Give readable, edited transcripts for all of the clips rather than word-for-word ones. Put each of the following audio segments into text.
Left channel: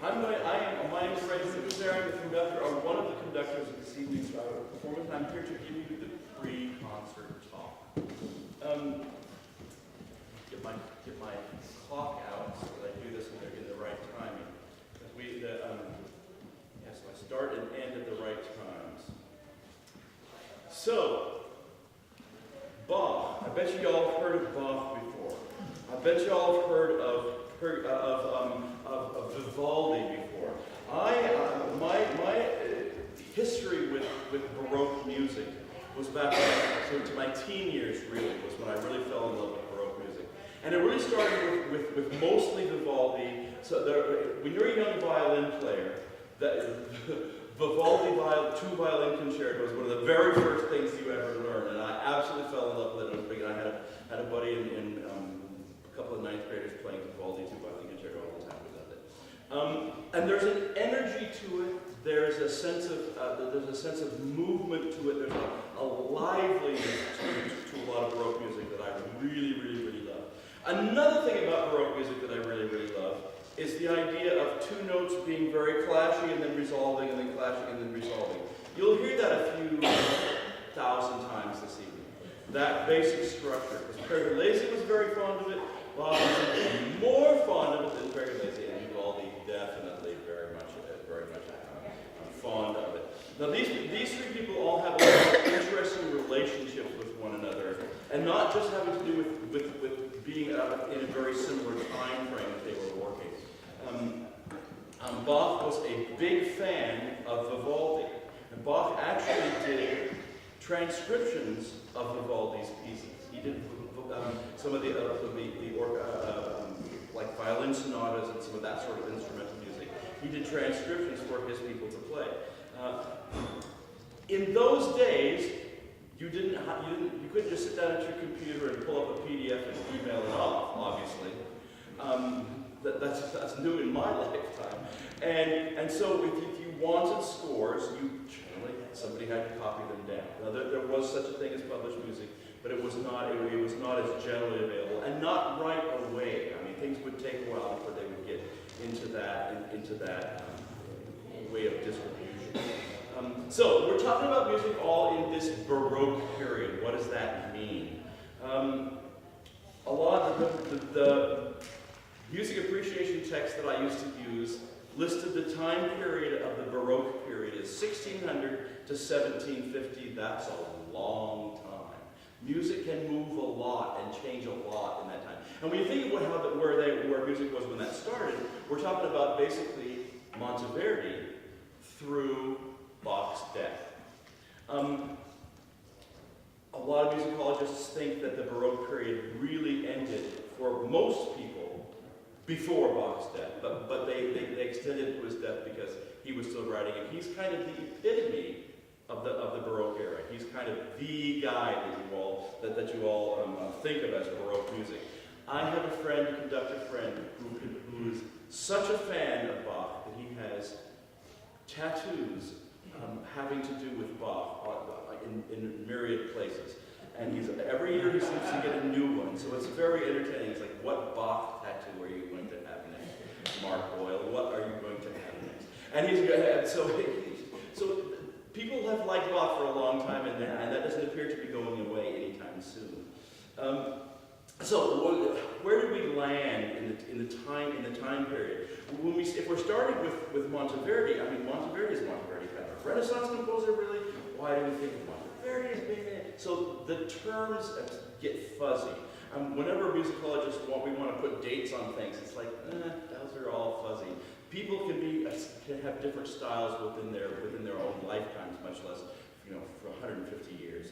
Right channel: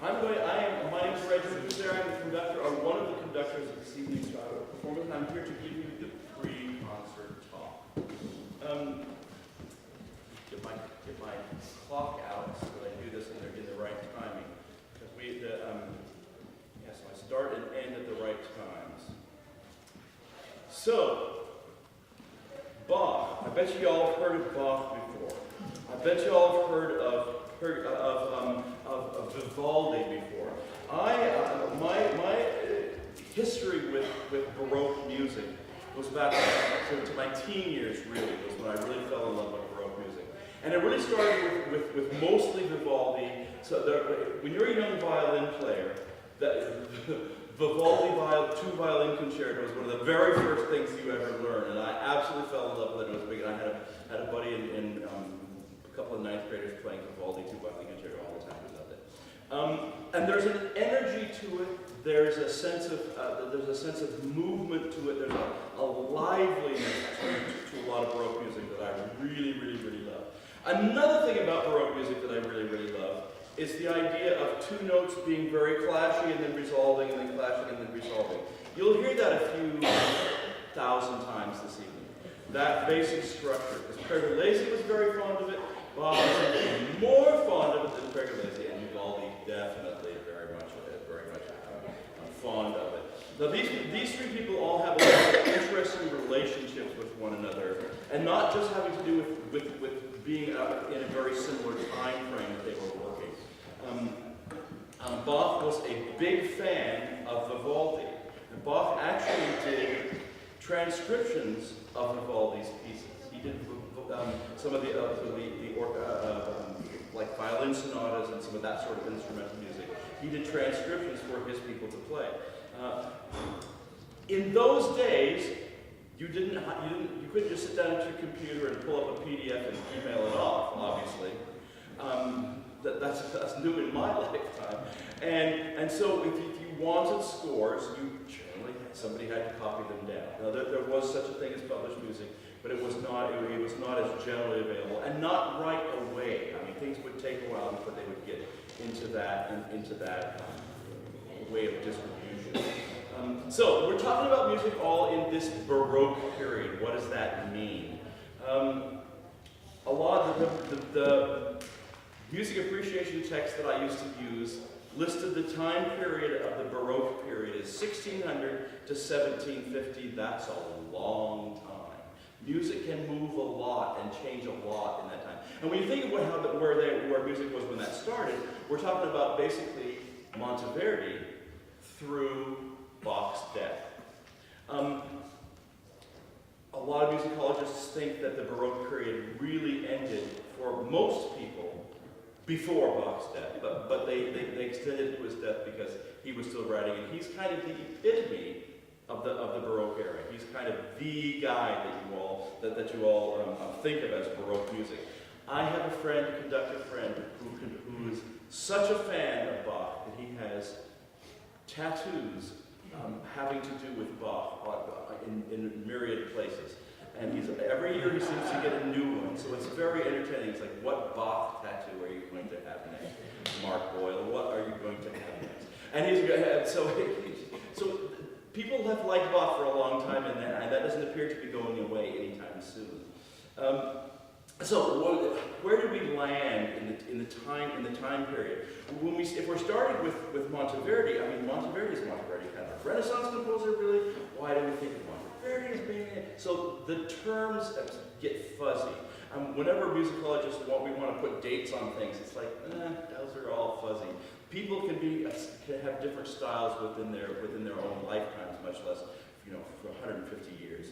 My name is Reggie Guzera. I'm the conductor, or one of the conductors of this evening's performance. I'm here to give you the pre-concert talk. Get my clock out so that I do this in the right timing. Yes, I start and end at the right times. So, Bach. I bet you all have heard of Bach before. I bet you all have heard of Vivaldi before. My history with Baroque music was back to my teen years. Really was when I really fell in love with Baroque music, and it really started with mostly Vivaldi. So when you're a young violin player, that Vivaldi two violin concerto was one of the very first things you ever learn, and I absolutely fell in love with it. It was big. I had a buddy in a couple of ninth graders playing Vivaldi two violin concerto all the time. We loved it. And there's an energy to it. There's a sense of movement to it. There's a liveliness to a lot of Baroque music that I really, really, really love. Another thing about Baroque music that I really, really love is the idea of two notes being very clashy and then resolving, and then clashing and then resolving. You'll hear that a few thousand times this evening. That basic structure. Because Pergolesi was very fond of it. Bach was more fond of it than Pergolesi, and Vivaldi definitely very much fond of it. Now these three people all have a lot of interesting relationships with one another, and not just having to do with being in a very similar time frame that they were working. Bach was a big fan of Vivaldi, and Bach actually did transcriptions of Vivaldi's pieces. He did some of the like violin sonatas and some of that sort of instrumental music. He did transcriptions for his people to play. In those days, you couldn't just sit down at your computer and pull up a PDF and email it off. Obviously, that's new in my lifetime. And so if you wanted scores, somebody had to copy them down. Now there was such a thing as published music, but it was not as generally available, and not right away. I mean, things would take a while before they would get into that way of distribution. So we're talking about music all in this Baroque period. What does that mean? A lot of the music appreciation text that I used to use listed the time period of the Baroque period as 1600 to 1750. That's a long time. Music can move a lot and change a lot in that time. And when you think about where music was when that started, we're talking about basically Monteverdi through Bach's death. A lot of musicologists think that the Baroque period really ended for most people before Bach's death, but they extended it to his death because he was still writing, and he's kind of the epitome of the Baroque era. He's kind of the guy that you all think of as Baroque music. I have a conductor friend, who is such a fan of Bach that he has tattoos having to do with Bach in myriad places. And every year he seems to get a new one, so it's very entertaining. It's like, what Bach tattoo are you going to have next? Mark Boyle, what are you going to have next? And so people have liked Bach for a long time, and that doesn't appear to be going away anytime soon. So where do we land in the time period? If we're starting with Monteverdi, I mean, Monteverdi is Monteverdi kind of a Renaissance composer, really. Why do we think of Monteverdi as being it? So the terms get fuzzy. Whenever musicologists we want to put dates on things, it's like, those are all fuzzy. People can have different styles within their own lifetimes, much less for 150 years.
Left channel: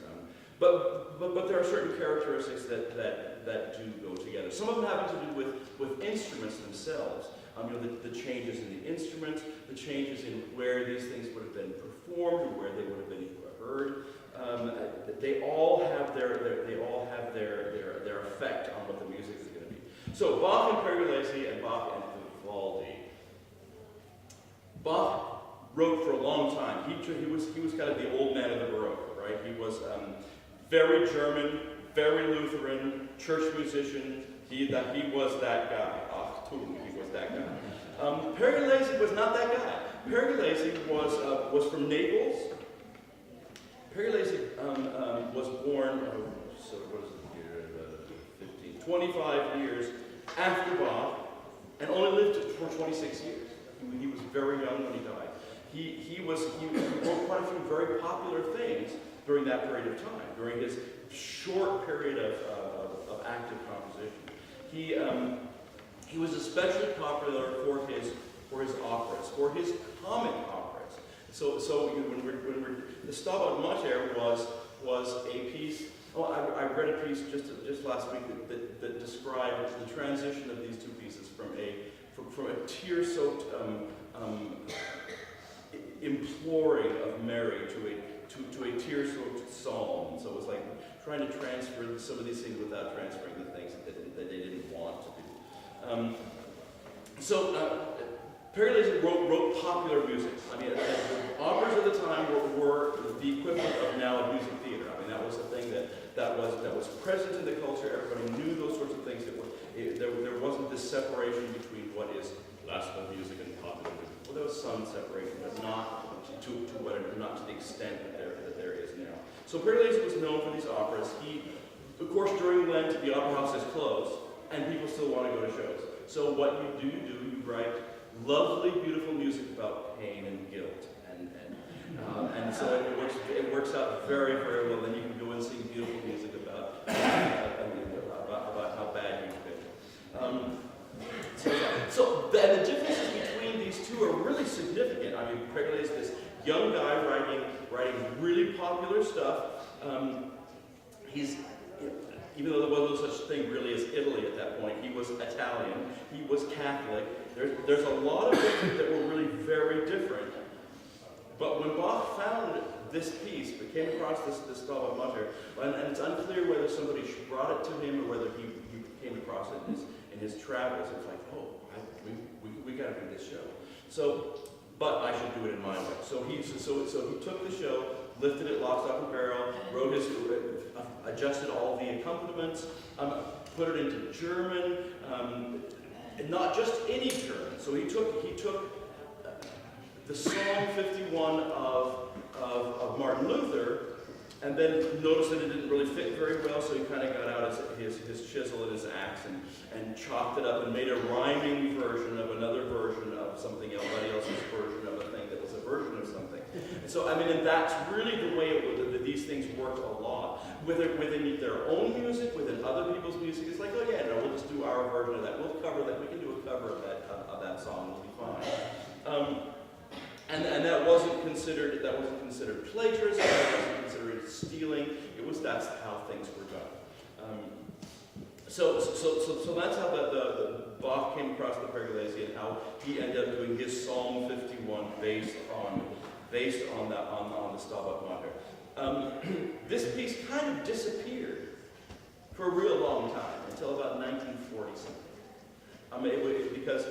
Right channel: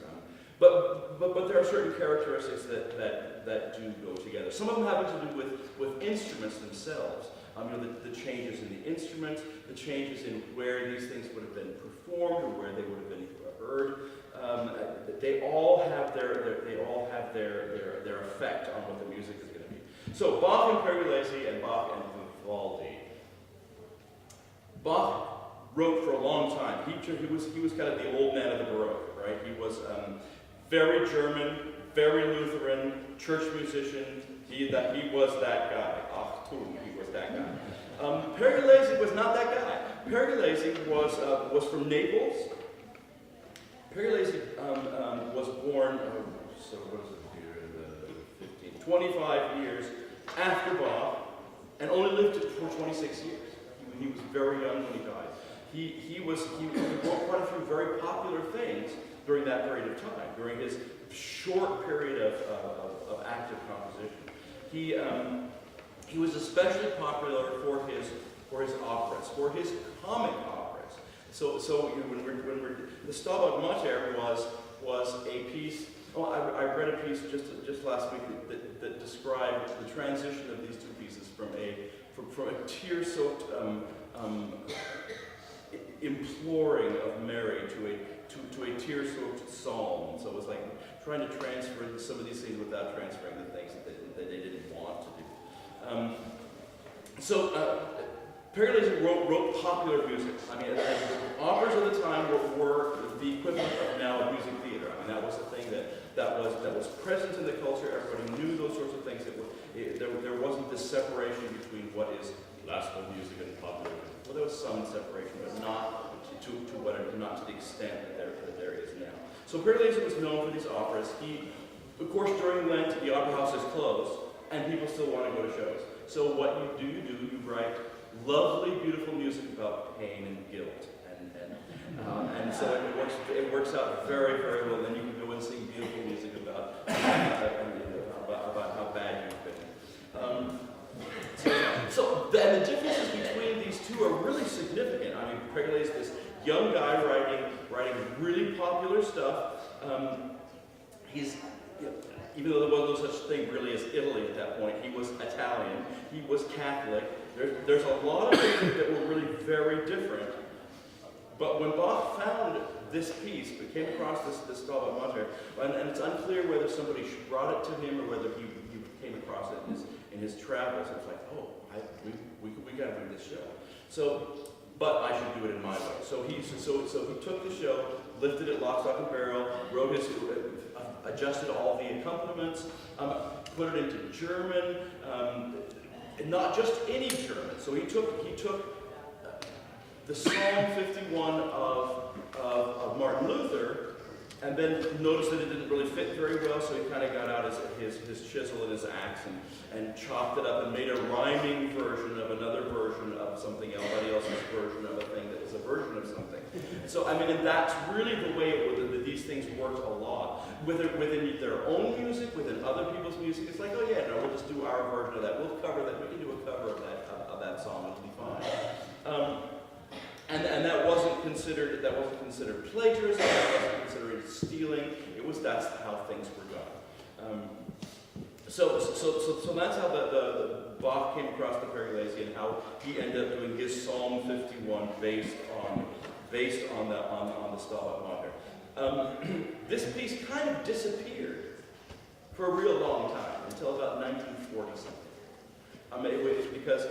But there are certain characteristics that do go together. Some of them have to do with instruments themselves. The changes in the instruments, the changes in where these things would have been performed or where they would have been heard. They all have their effect on what the music is going to be. So Bach and Pergolesi and Bach and Vivaldi. Bach wrote for a long time. He was kind of the old man of the Baroque, right? He was very German, very Lutheran, church musician. He was that guy. Achtung, he was that guy. Pergolesi was not that guy. Pergolesi was from Naples. Pergolesi was born, so what is it here, 25 years after Bach, and only lived for 26 years. He was very young when he died. He wrote quite a few very popular things during that period of time, during his short period of active composition. He was especially popular for his operas, for his comic operas. So you know, the Stabat Mater was a piece. Oh, I read a piece just last week that described the transition of these two pieces from a tear-soaked imploring of Mary to a tear-soaked psalm. So it was like trying to transfer some of these things without transferring the things that they didn't want to do. Pergolesi wrote popular music. I mean, operas of the time were the equivalent of now music theater. I mean, that was a thing that was present in the culture. Everybody knew those sorts of things. There wasn't this separation between what is classical music and popular music. Well, there was some separation, but not to the extent that there is now. So Pergolesi was known for these operas. Of course, during Lent, the opera house is closed, and people still want to go to shows. So what you write lovely, beautiful music about pain and guilt, and so it works out very, very well. Then you can go and sing beautiful music about how bad you've been. So the differences between these two are really significant. I mean, Pergolesi is this young guy writing really popular stuff. Even though there was no such thing really as Italy at that point, he was Italian, he was Catholic. There's a lot of things that were really very different. But when Bach found this piece, but came across this Stabat Mater, and it's unclear whether somebody brought it to him or whether he came across it in his travels. It was like, oh, we got to do this show. But I should do it in my way. So he took the show, lifted it lock, stock, and barrel, wrote adjusted all the accompaniments, put it into German, not just any German. So he took the Psalm 51 of Martin Luther, and then noticed that it didn't really fit very well, so he kind of got out his chisel and his axe and chopped it up and made a rhyming version of another version of something else, somebody else's version of a thing that was a version of something. So, I mean, and that's really the way these things worked a lot. Within their own music, within other people's music, it's like, oh yeah, no, we'll just do our version of that. We'll cover that. We can do a cover of that song. It'll be fine. And that wasn't considered plagiarism. That wasn't considered stealing. That's how things were done. So that's how the Bach came across the Pergolesi and how he ended up doing his Psalm 51 based on the Stabat Mater. This piece kind of disappeared for a real long time until about 1940 something. Because.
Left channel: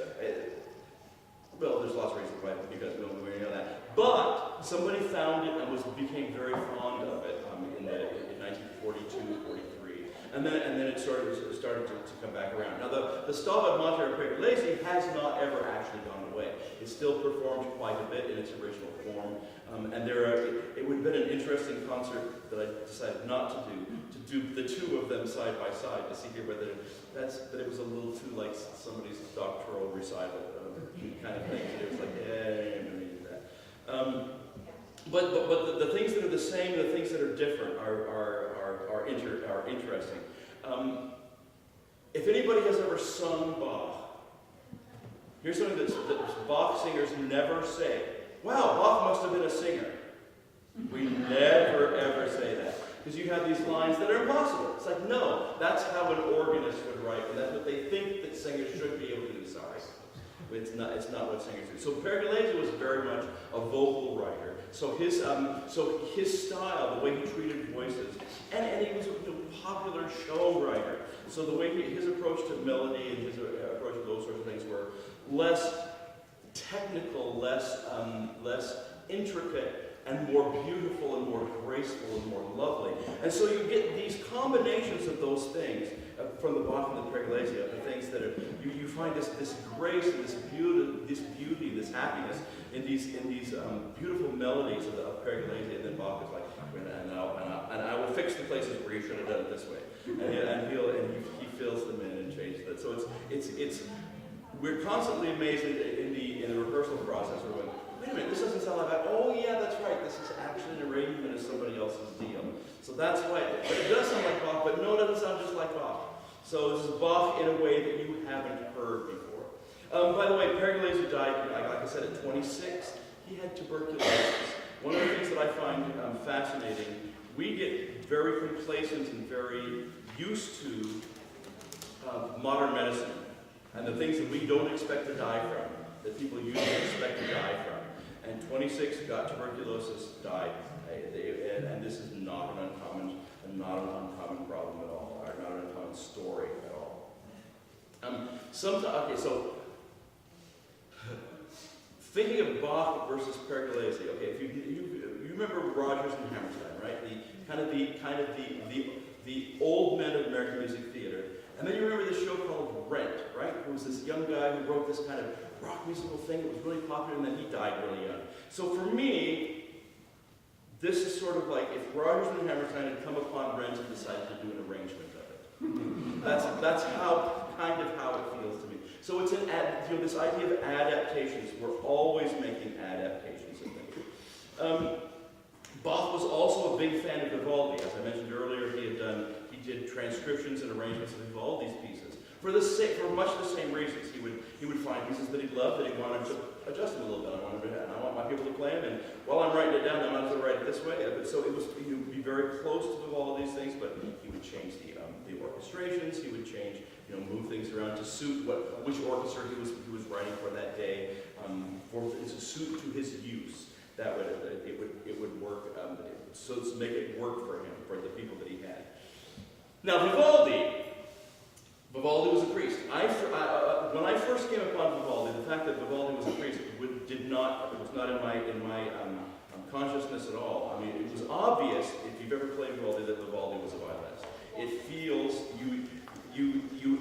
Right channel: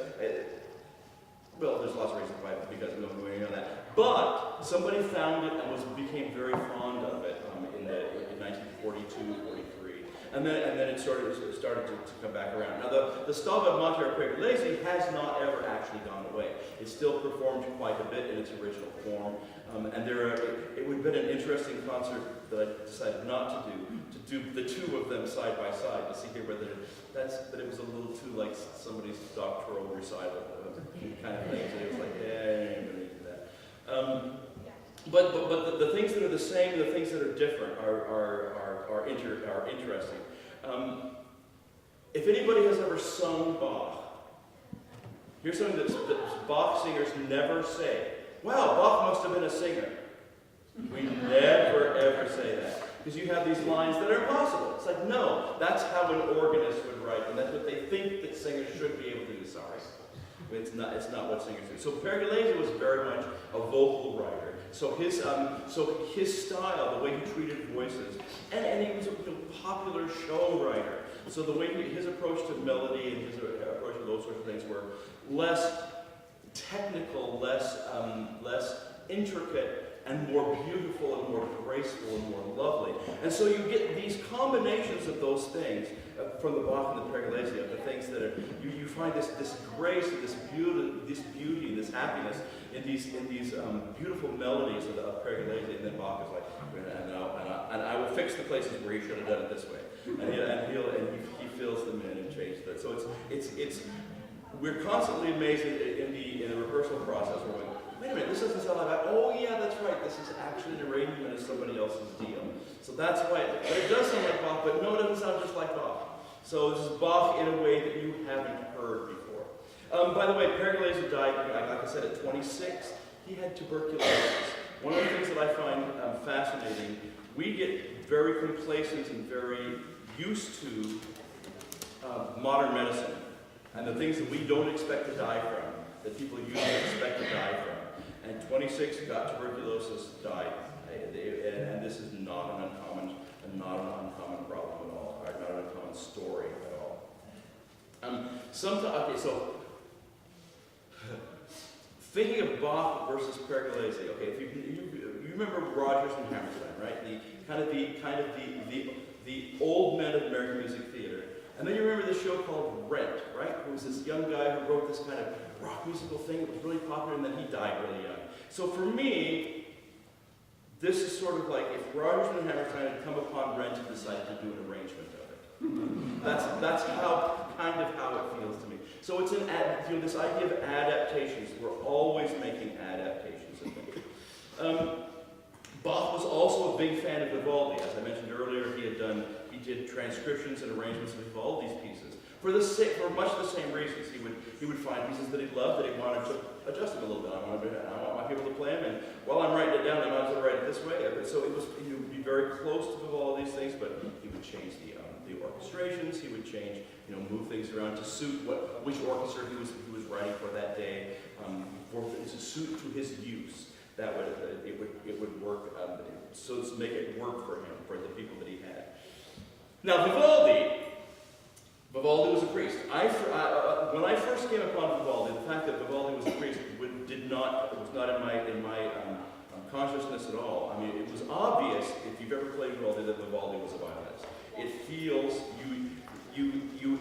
Well, there's lots of reasons why, because we don't know that. But somebody found it and became very fond of it in 1942, 43, and then it started to come back around. Now, the Stabat Mater of Pergolesi has not ever actually gone away. It's still performed quite a bit in its original form, and it would have been an interesting concert that I decided not to do the two of them side by side to see here whether but it was a little too like somebody's doctoral recital kind of thing. So it was like, yeah, I'm going to do that. But the things that are the same, the things that are different are interesting. If anybody has ever sung Bach, here's something that Bach singers never say. Wow, Bach must have been a singer. We never ever say that. Because you have these lines that are impossible. It's like, no, that's how an organist would write, and that's what they think that singers should be able to do. Sorry. It's not what singers do. So Pergolesi was very much a vocal writer. So his style, the way he treated voices, and he was a popular show writer. So the way his approach to melody and his approach to those sorts of things were less technical, less intricate, and more beautiful and more graceful and more lovely. And so you get these combinations of those things, from the Bach and the Pergolesi, the things that are, you find this grace and this beauty and this happiness in these beautiful melodies of Pergolesi, and then Bach is like, and I will fix the places where you should have done it this way, and he fills them in and changes it. So it's we're constantly amazed in the rehearsal process. We're going, wait a minute, this doesn't sound like that. Oh yeah, that's right. This is actually an arrangement of somebody else's deal. So that's why. But it does sound like Bach, but no, it doesn't sound just like Bach. So this is Bach in a way that you haven't heard before. By the way, Pergolesi died, like I said, at 26. He had tuberculosis. One of the things that I find fascinating, we get very complacent and very used to modern medicine and the things that we don't expect to die from, that people usually expect to die from. And 26 got tuberculosis, died, and this is not an uncommon problem at all, or not an uncommon story at all. Okay, so thinking of Bach versus Pergolesi, okay, if you remember Rodgers and Hammerstein, right? The old men of American music theater. And then you remember this show called Rent, right? It was this young guy who wrote this kind of rock musical thing. It was really popular, and then he died really young. So for me, this is sort of like if Rodgers and Hammerstein had come upon Rent and decided to do an arrangement of it. That's kind of how it feels to me. So it's this idea of adaptations. We're always making adaptations of things. Bach was also a big fan of Vivaldi. As I mentioned earlier, he did transcriptions and arrangements of Vivaldi's pieces for much the same reasons. He would find pieces that he loved that he wanted to adjust them a little bit. I want my people to play them, and while I'm writing it down, I might as well write it this way. So he would be very close to Vivaldi's things, but he would change the orchestrations. He would change, move things around to suit which orchestra he was writing for that day, to suit to his use. That way, it would work. So to make it work for him, for the people that he had. Now Vivaldi was a priest. When I first came upon Vivaldi, the fact that Vivaldi was a priest was not in my consciousness at all. I mean, it was obvious if you've ever played Vivaldi that Vivaldi was a violinist. It feels you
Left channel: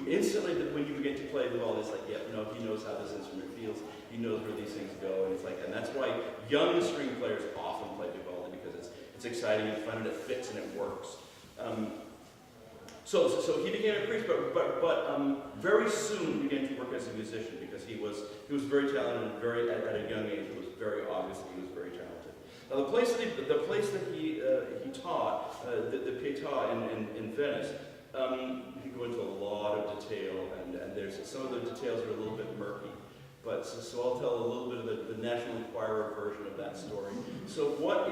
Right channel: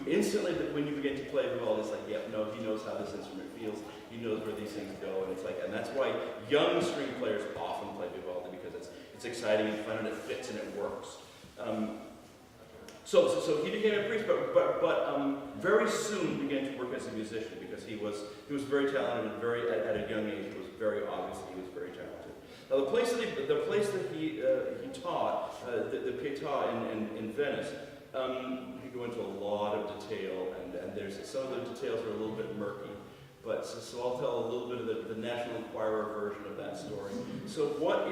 instantly, when you begin to play Vivaldi, it's like, yeah, no, he knows how this instrument feels. He knows where these things go, and that's why young string players often play Vivaldi, because it's exciting and fun and it fits and it works. So he became a priest, but very soon began to work as a musician, because he was very talented and at a young age. It was very obvious that he was very talented. Now the place that he taught, the Pietà in Venice, you go into a lot of detail, and there's some of the details are a little bit murky. But so I'll tell a little bit of the National Enquirer version of that story. So what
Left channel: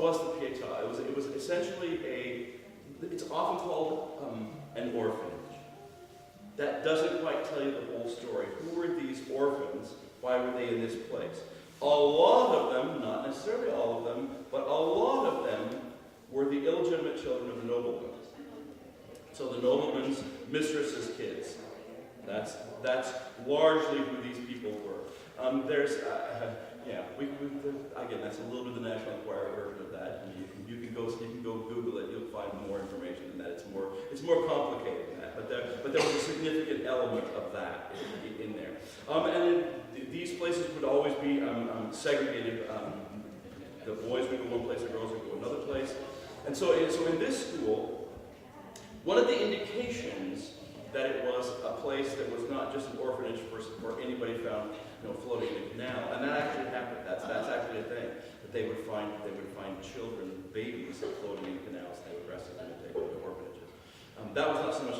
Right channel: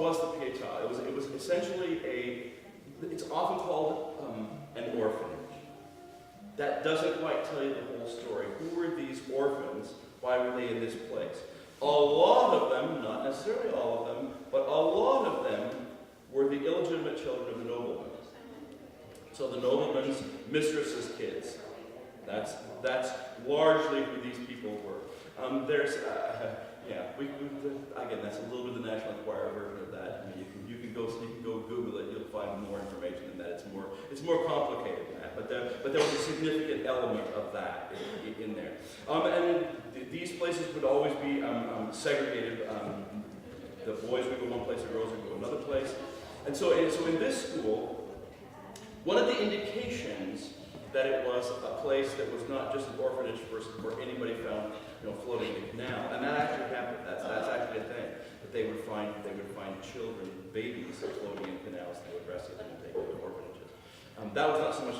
was the Pietà? It was essentially it's often called an orphanage. That doesn't quite tell you the whole story. Who were these orphans? Why were they in this place? A lot of them, not necessarily all of them, but a lot of them were the illegitimate children of the noblemen. So the noblemen's mistresses' kids. That's largely who these people were. Again, that's a little bit of the National Enquirer version of that. And you can go Google it. You'll find more information than that. It's more complicated than that. But there was a significant element of that in there. And then these places would always be segregated. The boys would go one place, the girls would go another place. And so in this school, one of the indications that it was a place that was not just an orphanage where anybody found, floating in a canal, and that actually happened. That's actually a thing. That they would find children, babies, floating in canals, and they would rescue them and take them to orphanages. That was not so much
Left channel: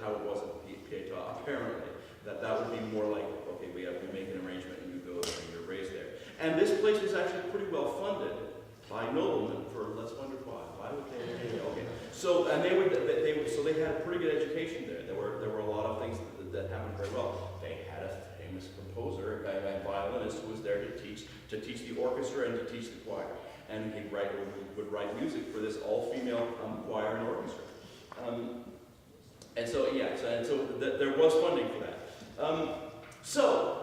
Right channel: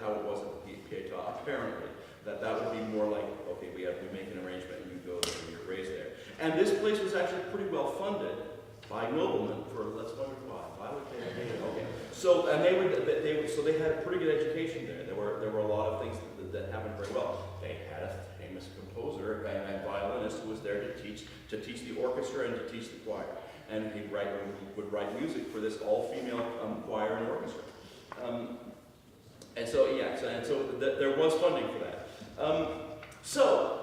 how it was at Pietà. Apparently, that would be more like, okay, we make an arrangement, and you go there, and you're raised there. And this place was actually pretty well funded by noblemen for, let's wonder why. Why would they? Okay. So they had a pretty good education there. There were a lot of things that happened very well. They had a famous composer and violinist who was there to teach the orchestra and to teach the choir, and he would write music for this all-female choir and orchestra. So there was funding for that. So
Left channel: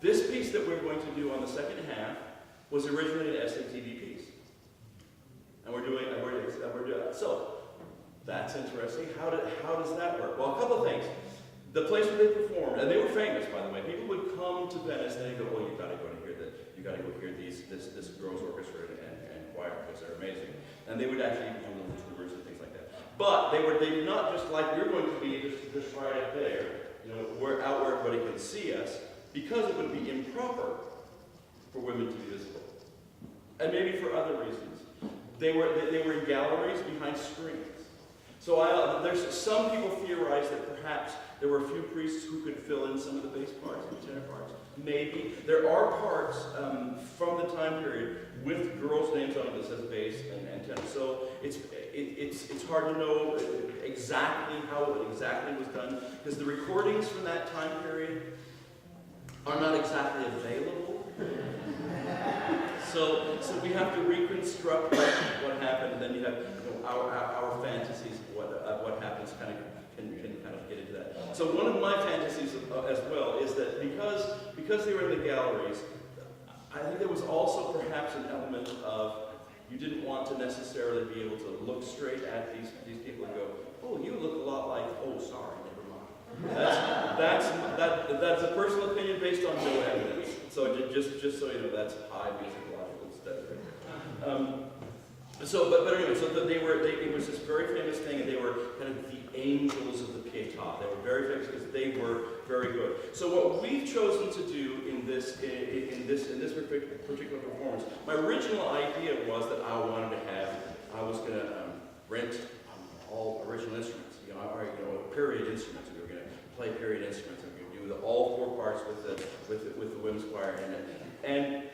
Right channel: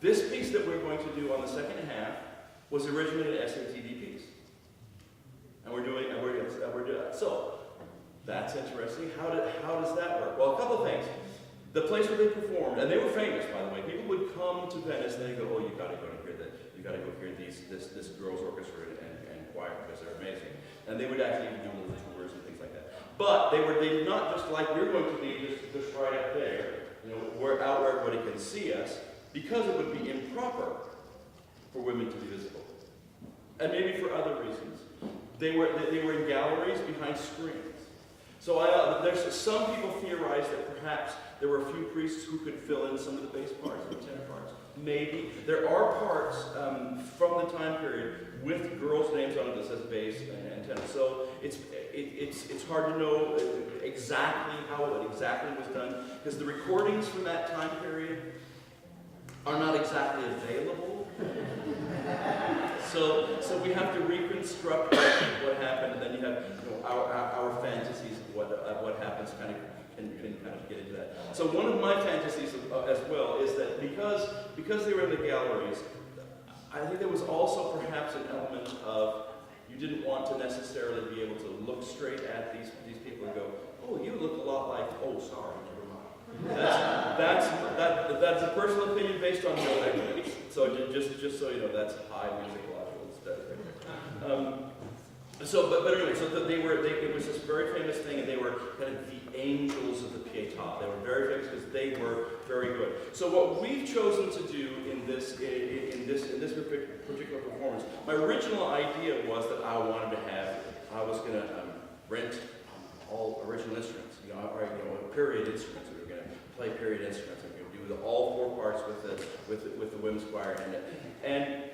this piece that we're going to do on the second half was originally an SATD piece. And we're doing so That's interesting. How does that work? Well, a couple of things. The place where they performed, and they were famous, by the way. People would come to Venice and they go, "Oh, you got to go and hear this girls' orchestra and choir because they're amazing." And they would actually do little tours and things like that. But they did not just like we're going to be just right up there, we're out where everybody can see us, because it would be improper for women to be visible, and maybe for other reasons. They were in galleries behind screens. So there's some people theorize that perhaps there were a few priests who could fill in some of the bass parts and tenor parts. Maybe. There are parts from the time period with girls' names on it that says bass and tenor. So it's hard to know exactly how it exactly was done, because the recordings from that time period are not exactly available. So we have to reconstruct what happened, and then you have our fantasies of what happens can kind of get into that. So one of my fantasies as well is that because they were in the galleries, I think there was also perhaps an element of you didn't want to necessarily be able to look straight at these people and go, "Oh, you look a lot like," "Oh, sorry, never mind." That's a personal opinion based on no evidence. So just so you know, that's high musicological study. But anyway, it was this very famous thing, and they were kind of the angels of the Pietà. They were very famous because they were very good. So what we've chosen to do in this particular performance, my original idea was that I was going to rent all original instruments, period instruments. We were going to play period instruments, and we were going to do all four parts with the women's choir in it. And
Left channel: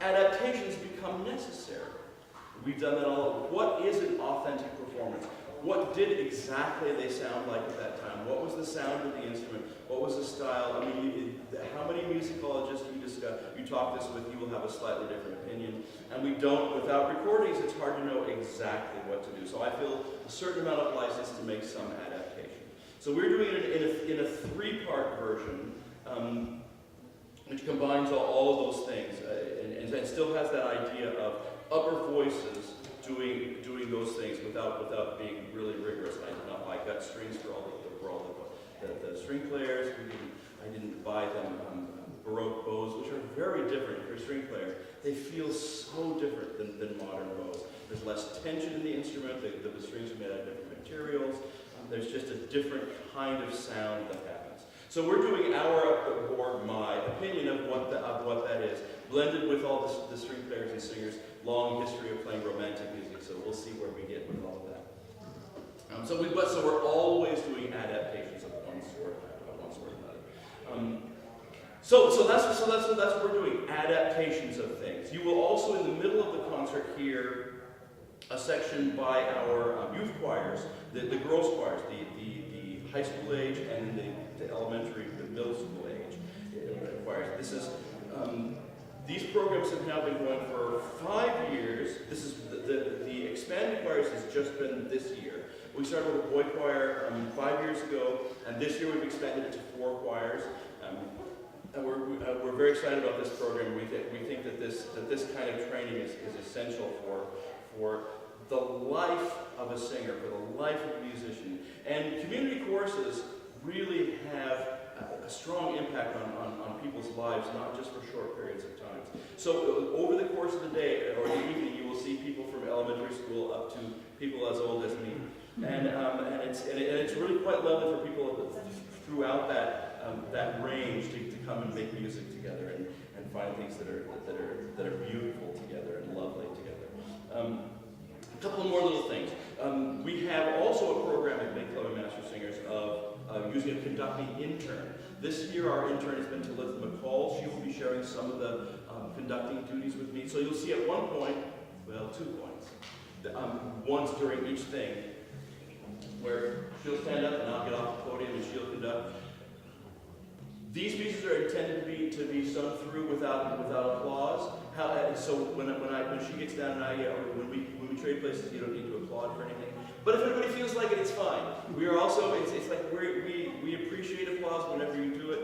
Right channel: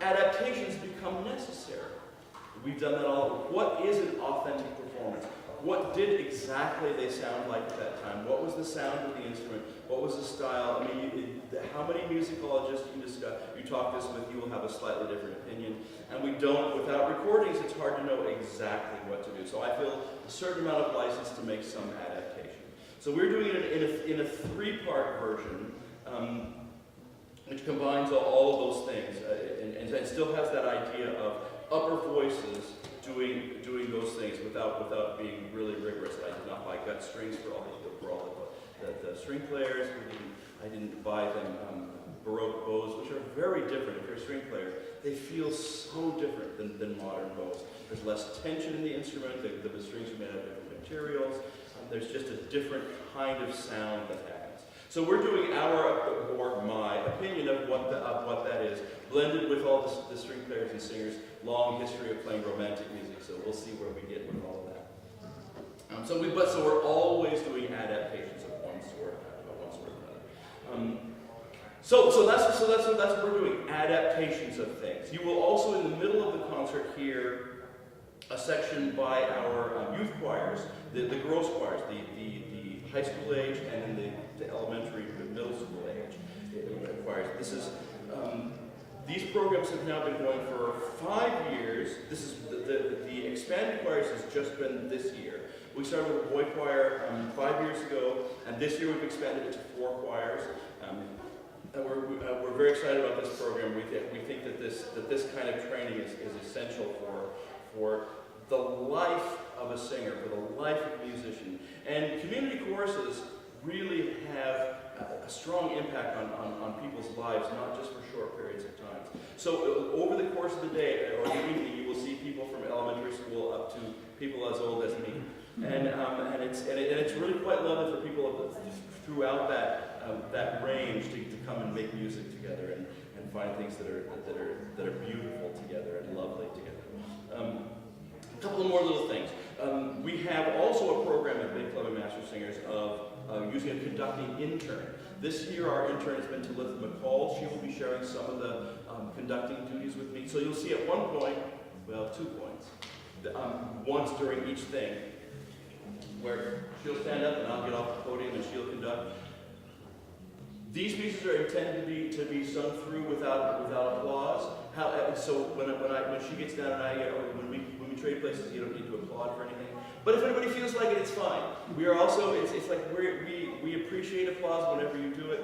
adaptations become necessary. We've done that all. What is an authentic performance? What did exactly they sound like at that time? What was the sound of the instrument? What was the style? I mean, how many musicologists you talk this with, you will have a slightly different opinion. And we don't, without recordings, it's hard to know exactly what to do. So I feel a certain amount of license to make some adaptation. So we're doing it in a three-part version, which combines all of those things, and still has that idea of upper voices doing those things without being really rigorous. I did not buy gut strings for all the string players. I didn't buy them Baroque bows, which are very different. If you're a string player, they feel so different than modern bows. There's less tension in the instrument. The strings are made out of different materials. There's just a different kind of sound that happens. So we're doing my opinion of what that is, blended with all the string players and singers' long history of playing romantic music. So we'll see where we get with all of that. So we're always doing adaptations of one sort or another. So that's what we're doing, adaptations of things. You will also, in the middle of the concert, hear a section by our youth choirs, the girls' choirs, the high school age, and then the elementary, the middle school age choirs. This is these programs have now been going for 5 years. This is the expanded choirs has just been this year. We started with a boy choir 5 years ago, and this year we've expanded it to 4 choirs. And we're very excited about this program. We think that this kind of training is essential for the life of a singer, for the life of a musician. And community choruses really have a strong impact on people's lives, not just for short periods of time. So over the course of the day or the evening, you will see people from elementary school up to people as old as me, and it's really quite lovely for people throughout that range to come and make music together and find things that are beautiful together and lovely together. A couple more little things. We have also a program at Big Club and Mastersingers of using a conducting intern. This year our intern has been Talitha McCall. She will be sharing some of the conducting duties with me. So you'll see at one point, well, 2 points, once during each thing, where she'll stand up and I'll get off the podium and she'll conduct. These pieces are intended to be sung through without applause. So when she gets down, when we trade places, you don't need to applaud for anything. But if everybody feels like it, it's fine. We are also it's like we appreciate applause whenever you do it,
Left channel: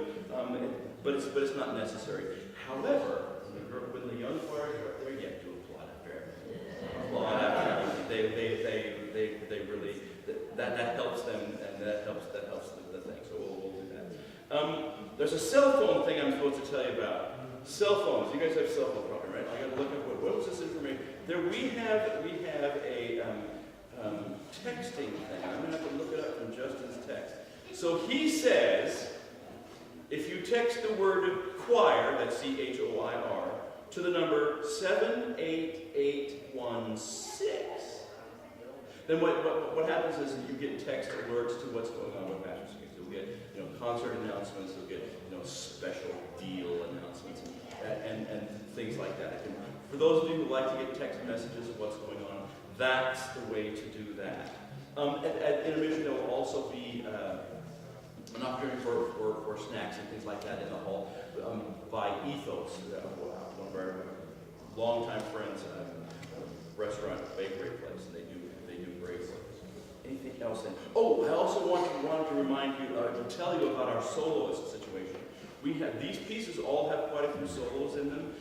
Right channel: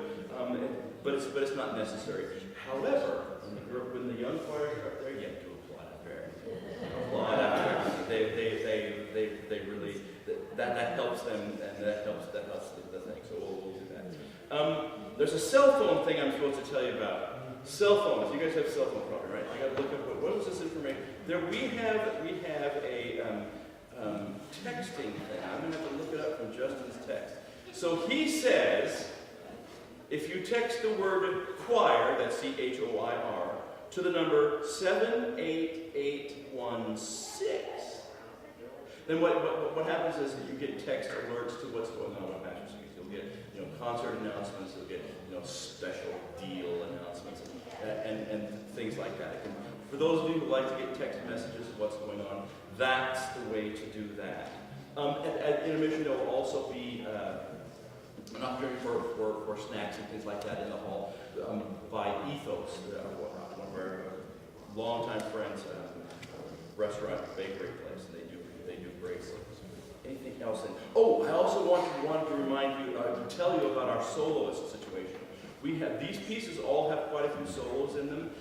but it's not necessary. However, when the young choirs are there, you have to applaud. They really that helps them, and that helps the thing. So we'll do that. There's a cell phone thing I'm supposed to tell you about. Cell phones. You guys have cell phone probably, right? I got to look up what was this information. There we have a texting thing. I'm gonna have to look it up from Justin's text. So he says, if you text the word choir, that's CHOIR, to the number 78816. Then what happens is you get text alerts to what's going on with Mastersingers. You'll get concert announcements. You'll get special deal announcements and things like that. For those of you who like to get text messages of what's going on, that's the way to do that. At intermission, there will also be an opportunity for snacks and things like that in the hall by Ethos, one of our longtime friends, restaurant, bakery place. They do great work. Anything else? I also wanted to remind you, to tell you about our soloist situation. We have these pieces all have quite a few solos in them.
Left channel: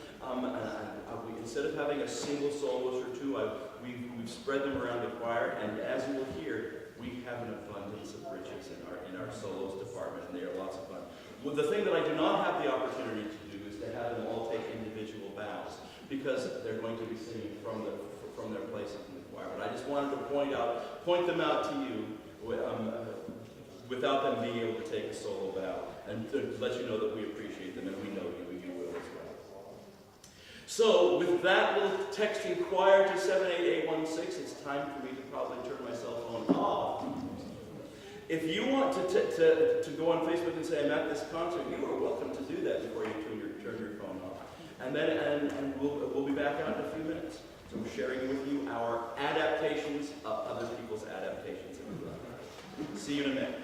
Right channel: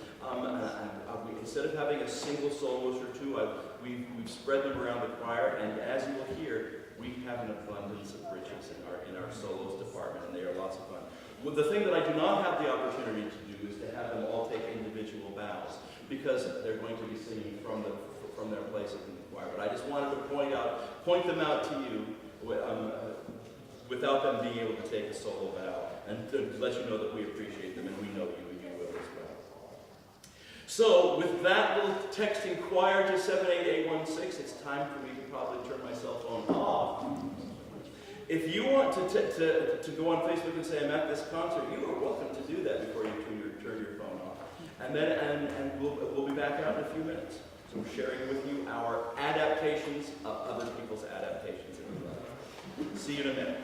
Instead of having a single soloist or two, we've spread them around the choir, and as you will hear, we have an abundance of riches in our solos department, and they are lots of fun. Well, the thing that I do not have the opportunity to do is to have them all take individual bows, because they're going to be singing from their places in the choir. But I just wanted to point them out to you without them being able to take a solo bow, and to let you know that we appreciate them, and we know you, and you will as well. So with that little texting choir to 78816, it's time for me to probably turn my cell phone off. If you want to go on Facebook and say I'm at this concert, you are welcome to do that before you turn your phone off. And we'll be back out in a few minutes. So we're sharing with you our adaptations of other people's adaptations. See you in a minute.